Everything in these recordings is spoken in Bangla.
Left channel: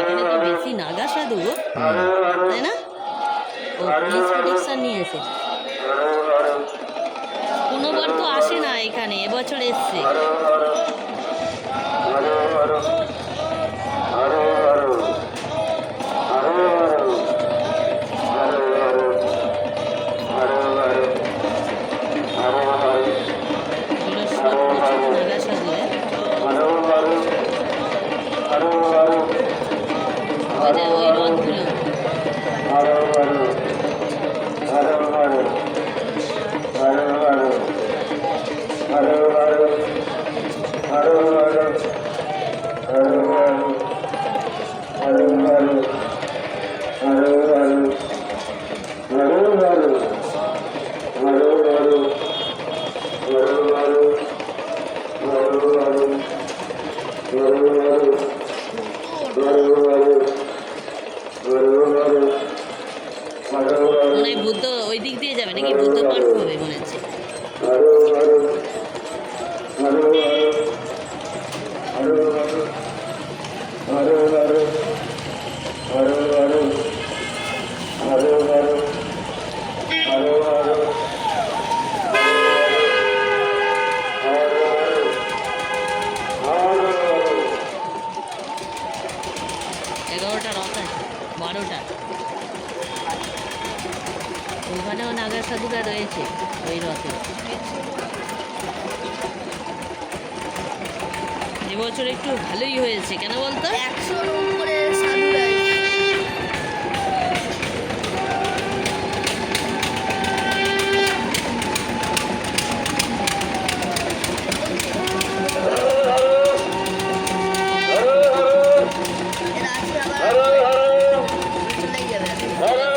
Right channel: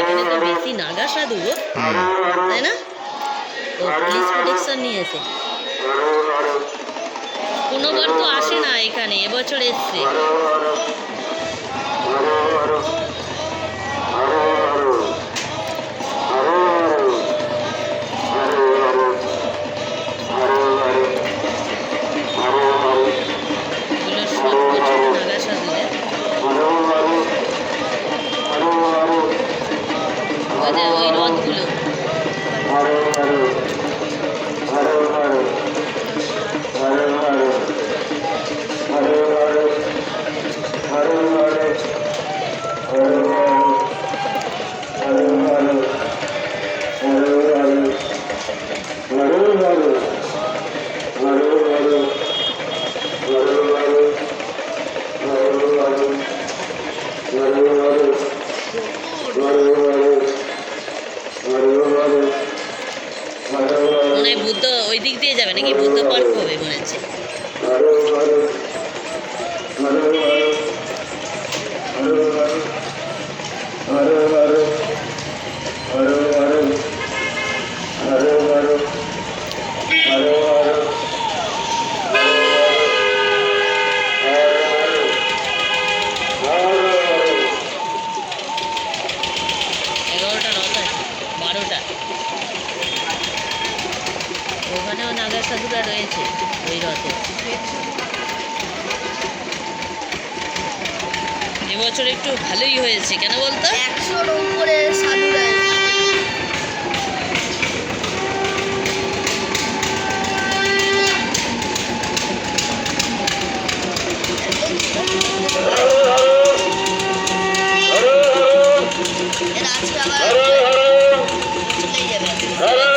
এখানে তো বেশি নাগা সাধু, তাই না? ও পুলিশ প্রোটেকশন নিয়েছে। কোনোবার তো আসে না এখানে, এবছর এসছে। এগুলো সব বছর নাগা সাধুদের। ওই যে ওই রথগুলো। মনে হয় বুদ্ধ ওই দিক দিয়ে যাবে নাকি? বুদ্ধ পার্ক হবে মনে হচ্ছে। এগারোটা রথ আছে, 12টা। ওখানেও নাগা সাধুরা রয়েছে ওই রথে। এবছর একটু ভালোই হয়েছে, কেন বলতো? 100-র উপরে সাধুরা।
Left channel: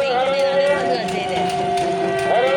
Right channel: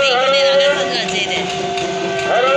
এইখানে নাগা সাধু আছে, এই দেখ। হরে